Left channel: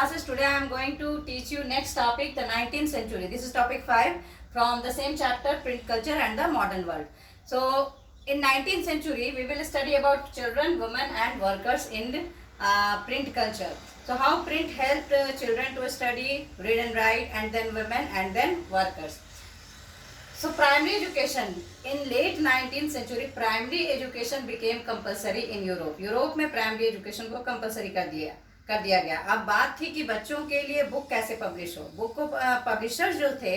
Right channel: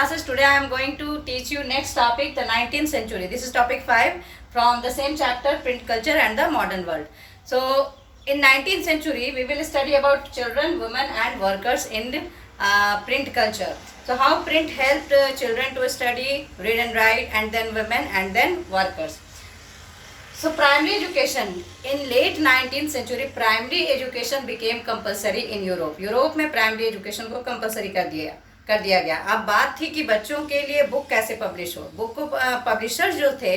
classes. Today I am going to teach you next topic, the 19th century. This is topic 5 from the same chapter, print culture and the modern world. So in 19th century we will study about children, women and workers in print culture. So how print helped children to study, read and write, and then women and then workers. So primary education in late 19th century, primary education became compulsory in Europe. Europe में primary education को compulsory कर दिया गया. अब बात थी कि बच्चों के लिए बुक कैसे पब्लिश हो. बुक को पब्लिशर्स जो थे,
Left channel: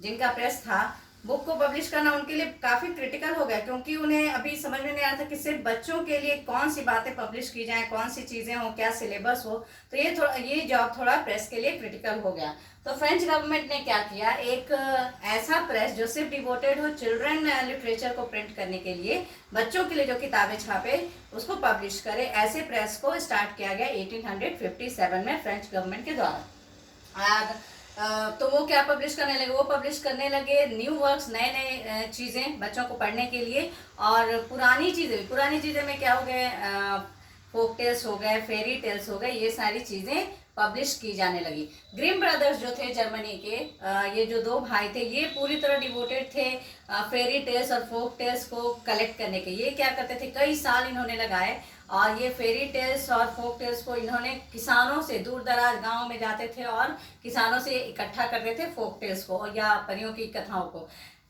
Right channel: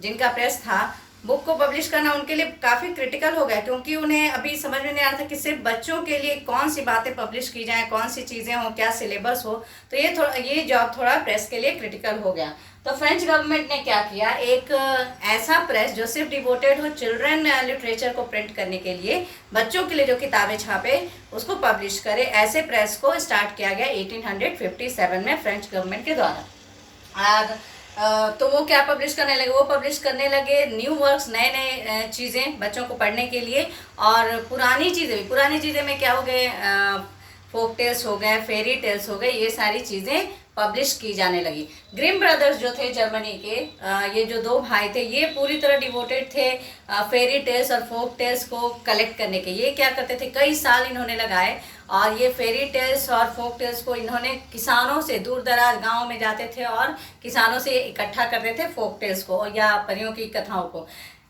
जिनका प्रेस था, बुक को पब्लिश करना उनके लिए काफ़ी क्रिटिकल हो गया, क्योंकि उन्हें अभी समझ में नहीं आ रहा था कि सिर्फ बच्चों के लिए कौन सी बातें पब्लिश की जाएं, कौन सी चीज़ें हो, क्या सिलेबस हो. तो ये जॉब थोड़ा प्रेस के लिए क्रिटिकल हो गया. तो फ्रेंच गवर्नमेंट ने क्या किया, एक ऐसा प्रेस जो सिर्फ डिवोटेड हो चिल्ड्रन लिटरेचर को प्रिंट करने के लिए, बच्चों के लिए जो किताबें छापे उसको पब्लिश करे, ऐसे प्रेस को स्टार्ट किया गया 1857 में फ्रेंच गवर्नमेंट के द्वारा. तो वो क्या पब्लिश करने लगे, वो पब्लिश करने लगे न्यू वर्क्स, नए नए चीज़ें बच्चों को पढ़ने के लिए. और पुरानी चीज़ें में क्या हो गए, फोक टेल्स हो गए, फेरी टेल्स हो गए, ये सारी चीज़ें पब्लिश की जाने लगी. ग्रिम ब्रदर्स जो थे जर्मनी के, ये जो दो भाई थे, ये पूरी तरह डिवोटेड थे फेरी टेल्स और फोक टेल्स को कलेक्ट करने के. ये क्या करते थे, कई साल इन्होंने लगाए और ये फेरी टेल्स और फोक टेल्स को इन्होंने किसानों से, दूर दराज गाँव में जाते थे और किसानों से इकट्ठा करते थे फोक टेल्स को या परियों की कथाओं को.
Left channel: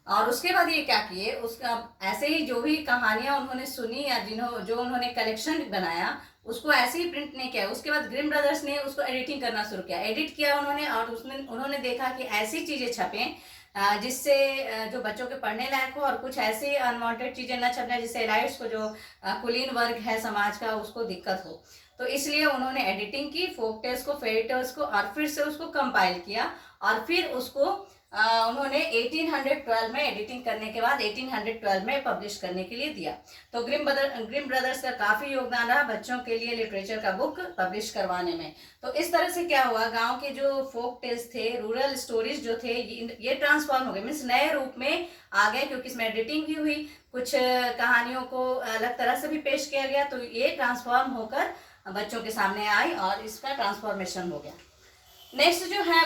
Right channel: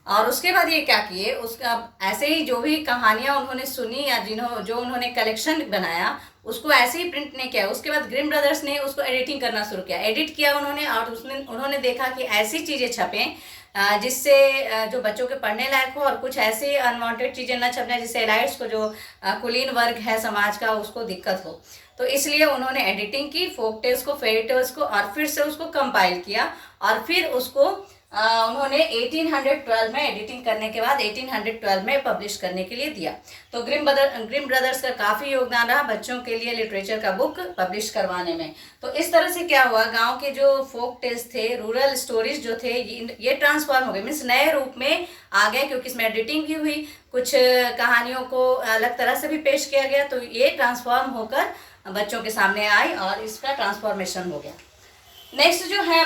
और उसके बाद ये क्या किए, उसका ऐसे ही जो भी कहानियाँ उन्होंने सुनी या जो उन्होंने कलेक्शन बनाया उसको ऐसे ही प्रिंट नहीं किया. उसके बाद ग्रिम ब्रदर्स ने उसको एडिटिंग करना शुरू किया. एडिट किया उन्होंने और उन्होंने देखा कि ऐसी चीज़ें छपें जिससे जो बच्चों के पढ़ने लायक हो, और कुछ ऐसी अनवांटेड चीज़ें न छपना जिससे एलाइट्स को, जो कुलीन वर्ग है समाज का, उसको दिक्कत हो. तो इसलिए उन्होंने एडिटिंग की, फोक टेल्स को, फेरी टेल्स को, और फिर से उसको कंपाइल किया और फिर उसको उन्होंने 1812 में एडिटिंग करने के बाद 1812 में पब्लिश करने के लिए दिया. तो ग्रिम ब्रदर्स का काफ़ी योगदान रहा बच्चों के लिए लिटरेचर का बुक पब्लिश करवाने में. तो इस तरह से क्या हुआ, गांव के जो फोक टेल्स थे, रूरल स्टोरीज जो थे, ये ट्रांसफॉर्म हो गए, मीन्स नए रूप में आ गए, क्योंकि इसमें एडिटिंग भी हुई, कुछ कहानियों को अलग तरह से भी पेश किया गया. तो ये ट्रांसफॉर्म होकर बच्चों के सामने आई और इसका ट्रांसफॉर्मेशन हो गया. नेक्स्ट जो है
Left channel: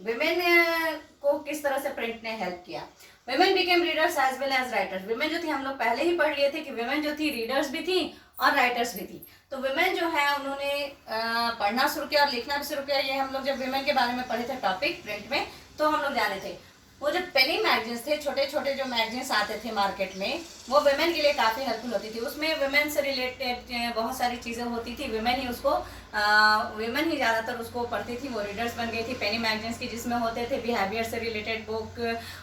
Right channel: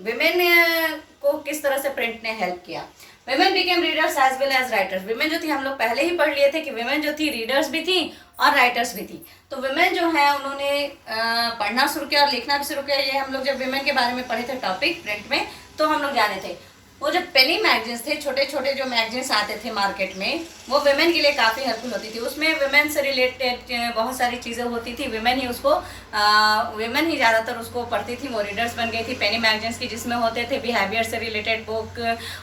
विमेन को किस तरह से प्रिंट ने हेल्प किया. Women became readers as well as writers. Women जो थी, हम लोग पहले ही पढ़ लिए थे कि विमेन जो थी रीडर्स भी थी और राइटर्स भी थी. तो विमेन जो है उन्होंने पढ़ना शुरू किया और लिखना भी शुरू किया. ये हम लोग जब विमेन के बारे में पढ़े थे टॉपिक प्रिंट में, तो हम लोग जाने थे वो जो पेनी मैगजीन्स थे, छोटे छोटे जो मैगजीन्स आते थे मार्केट में, वो विमेन के लिए काफ़ी हेल्पफुल होती थी. उसमें विमेन से रिलेटेड बहुत सारी चीज़ें होती थी. विमेन ही ज़्यादातर उसको पढ़ती थी. वो रीडर्स बन गई थी पेनी मैगजीन्स की, जिसमें होते थे बिहेवियर से रिलेटेड बुक,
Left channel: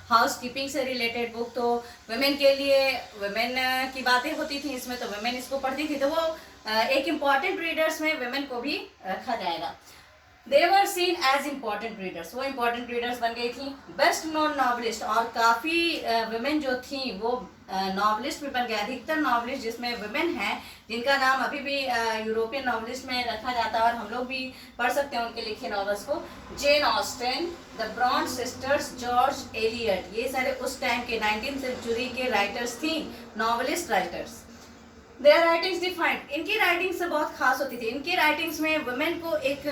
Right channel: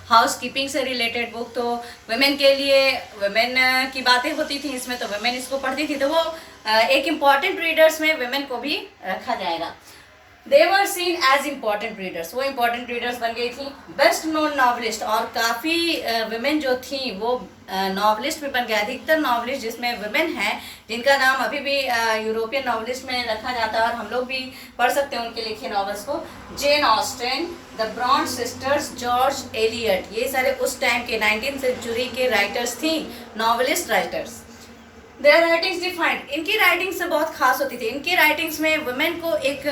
हाउस कीपिंग से रिलेटेड बुक. तो विमेन के लिए विमेन की बातें होती थी इसमें, तो विमेन इसको पढ़ती थी. तो वो एक इम्पॉर्टेंट रीडर्स में विमेन को भी रखा जाएगा. They were seen as important readers. वो important readers बन गई थी. बेस्ट नोन नॉवलिस्ट, और काफ़ी विमेन जो थी वो नॉवलिस्ट भी बन गए. अधिकतर नॉवलिस्ट जिसमें विमेन हैं, जिनका नाम अभी भी यूरोपियन नॉवलिस्ट में रखा जाता है और हम लोग भी पढ़ सकते हैं उनके लिखे नॉवेल्स को. Jane Austen, the Bronte sisters, George Eliot, ये सारे उस टाइम के 19th सेंचुरी के राइटर्स थी, novelist writers. Their writings defined, इनकी राइटिंग्स बहुत खास होती थी. इनकी राइटिंग्स में वुमेन को एक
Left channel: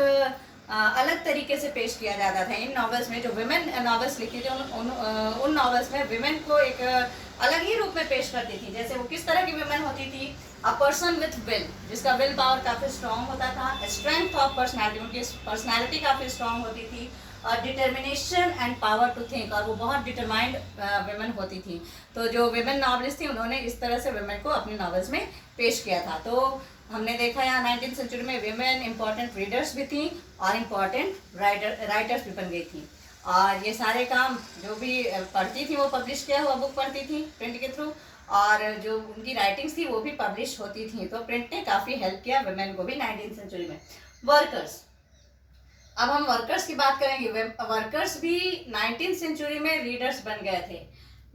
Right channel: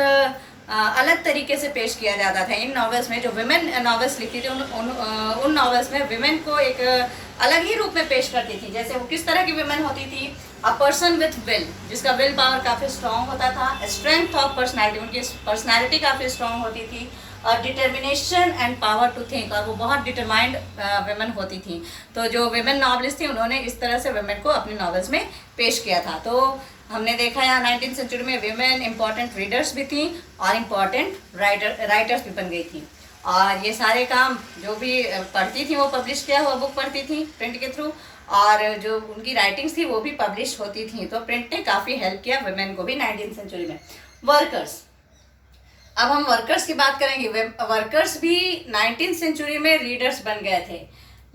अलग तरीके से पेश किया जाता था. इन नॉवेल्स में जो विमेन नॉवेल्स लिखी थी, उन नॉवेल्स में विमेन को एक अलग ही रूप में पेश करती थी. जैसे वो किस तरह की विमेन होती थी, अ पर्सन विथ विल, जिसका विल पावर काफ़ी स्ट्रांग होता था. स्ट्रेंथ ऑफ पर्सनैलिटी, उनकी पर्सनैलिटी काफ़ी स्ट्रांग होती थी. और determination and power to think, और वो बहुत डिटरमाइंड विमेन होती थी. तो जो विमेन नॉवलिस्ट थी, उन्होंने इस तरह से विमेन को अपनी नॉवेल्स में पेश किया था. तो हमने देखा यहाँ 19th सेंचुरी में विमेन इंपॉर्टेंट रीडर्स भी थी और इम्पॉर्टेंट राइटर्स भी बन गई थी. और ये सारे काम जो भी पढ़ती थी वो पब्लिश किया हुआ बुक पढ़ती थी प्रिंट के थ्रू, और जो उनकी राइटिंग्स थी वो भी पब्लिश होती थी. तो प्रिंट ने काफ़ी हेल्प किया विमेन को भी 19th सेंचुरी में. वर्कर्स, अब हम वर्कर्स की बात करेंगे. वर्कर्स भी 19th सेंचुरी में रीडर्स बन गए थे.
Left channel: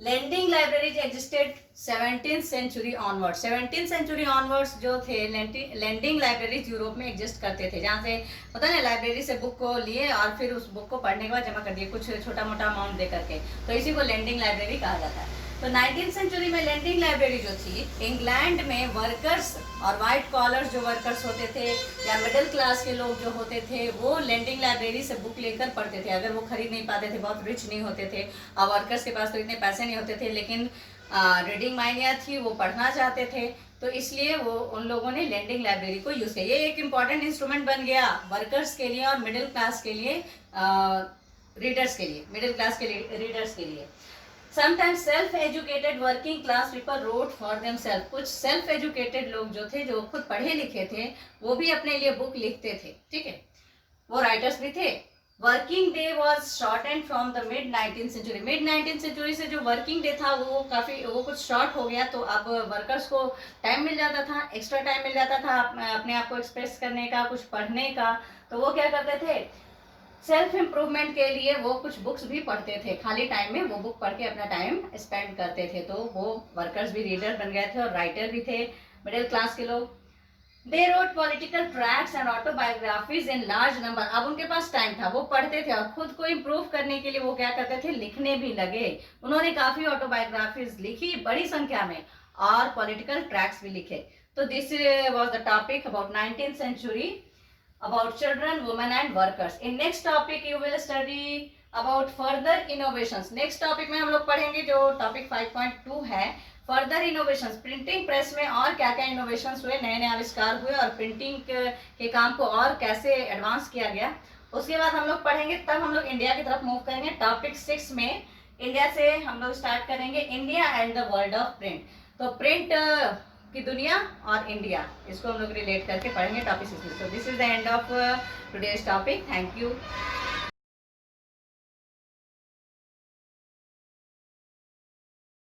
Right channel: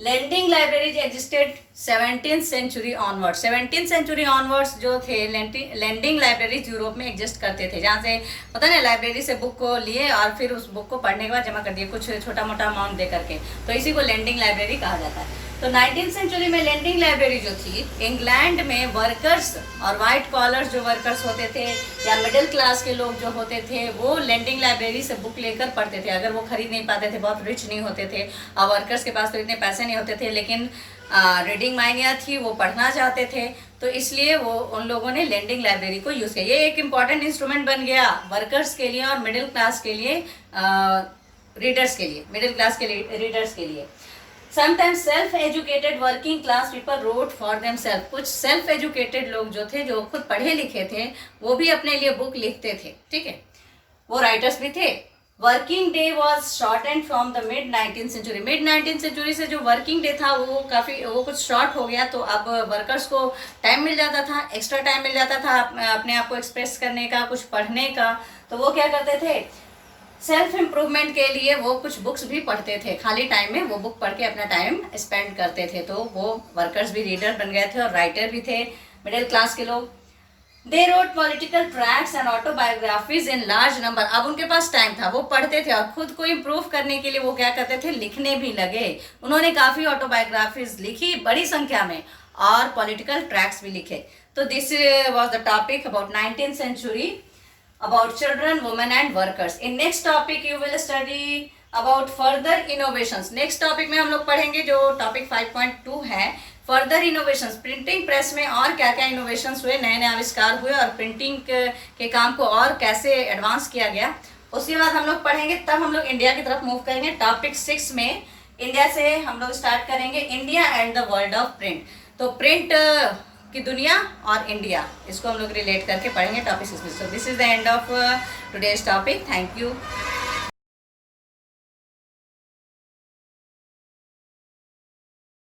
Lending libraries existed 17th century onwards, 17th century onwards जो थे लैंडिंग लाइब्रेरीज यूरोप में एग्जिस्ट करते थे, जहाँ से पता नहीं लाइब्रेरी से बुक को लिए और फिर उस बुक को पढ़ने के बाद जमा कर दिए कुछ छोटा मोटा अमाउंट दे करके, तो इसी को लैंडिंग लाइब्रेरी कहा जाता है। तो 19th सेंचुरी में लैंडिंग लाइब्रेरी जो थी, इंग्लैंड में वर्कर्स और वाइट कॉलर्स जो वर्कर्स होते थे या मिडिल क्लास के लोग जो होते थे, वो लैंडिंग लाइब्रेरी से बुक लेकर पढ़ते थे। अगर वो खरीद नहीं पाते थे, बहुत रिच नहीं होते थे, और वर्कर्स के पास तो इतने पैसे नहीं होते थे, लेकिन रीडिंग माइंडिया थी, वो पढ़ना चाहते थे, तो इसलिए वो उन लोगों ने लैंडिंग लाइब्रेरी को यूज़ किया। ये एक इम्पॉर्टेंट इंस्ट्रूमेंट बन गया वर्कर्स के लिए और मिडिल क्लास के लिए, रीडर्स के लिए, मिडिल क्लास के लिए रीडर्स के लिए। Sometimes self educated working class people wrote for them self, कुछ सेल्फ एजुकेटेड लोग जो थे, जो खुद पढ़े लिखे थे, वो भी अपने लिए बुक लिखते थे, ठीक है, वो राइटर्स भी थे। Working day was shortened from the mid 19th century, mid 19th century से जो वर्किंग डे था वो कुछ शॉर्ट हो गया, तो अब वर्कर्स को टाइम मिल जाता था, एक्स्ट्रा टाइम मिल जाता था अपने आप को एक्सप्रेस करने का, कुछ पढ़ने का, तो वो क्या करते थे, सेल्फ इम्प्रूवमेंट के लिए वो कुछ बुक्स भी पढ़ते थे, खाली टाइम में वो बुक पढ़ के अपना टाइम स्पेंड करते थे, तो वो वर्कर्स भी रीडर बन गए थे और राइटर भी थे मिडिल क्लास के लोग। They wrote political tracts and autobiographies in large number, अब उनके पास टाइम था, वो पढ़ते थे और खुद को इम्प्रूव करने के लिए वो क्या करते थे, लिखने भी लगे। उन्होंने काफ़ी ऑटोबायोग्राफीज लिखी बड़ी संख्या में और पॉलिटिकल ट्रैक्ट्स भी लिखे। तो this was the topic about 19th century, about children, women and workers. In next topic you will study about further innovations. Next topic में हम लोग पढ़ेंगे जो topic 5.2 है, further innovations. प्रिंटिंग प्रेस में और क्या क्या इनोवेशंस हुए, नए नए आविष्कार हुए और प्रिंटिंग के काम को और कैसे एडवांस किया गया, उसके बाद हम लोग पढ़ेंगे। तब हम लोग इंडिया की तरफ मूव करेंगे। टॉपिक 6 में इंडिया से हम लोग स्टार्ट करेंगे, India and the world of print. तो प्रिंट की दुनिया और इंडिया, इसको हम लोग रिलेट करके पढ़ेंगे टॉपिक 6 में। So this is the end of today's topic. Thank you.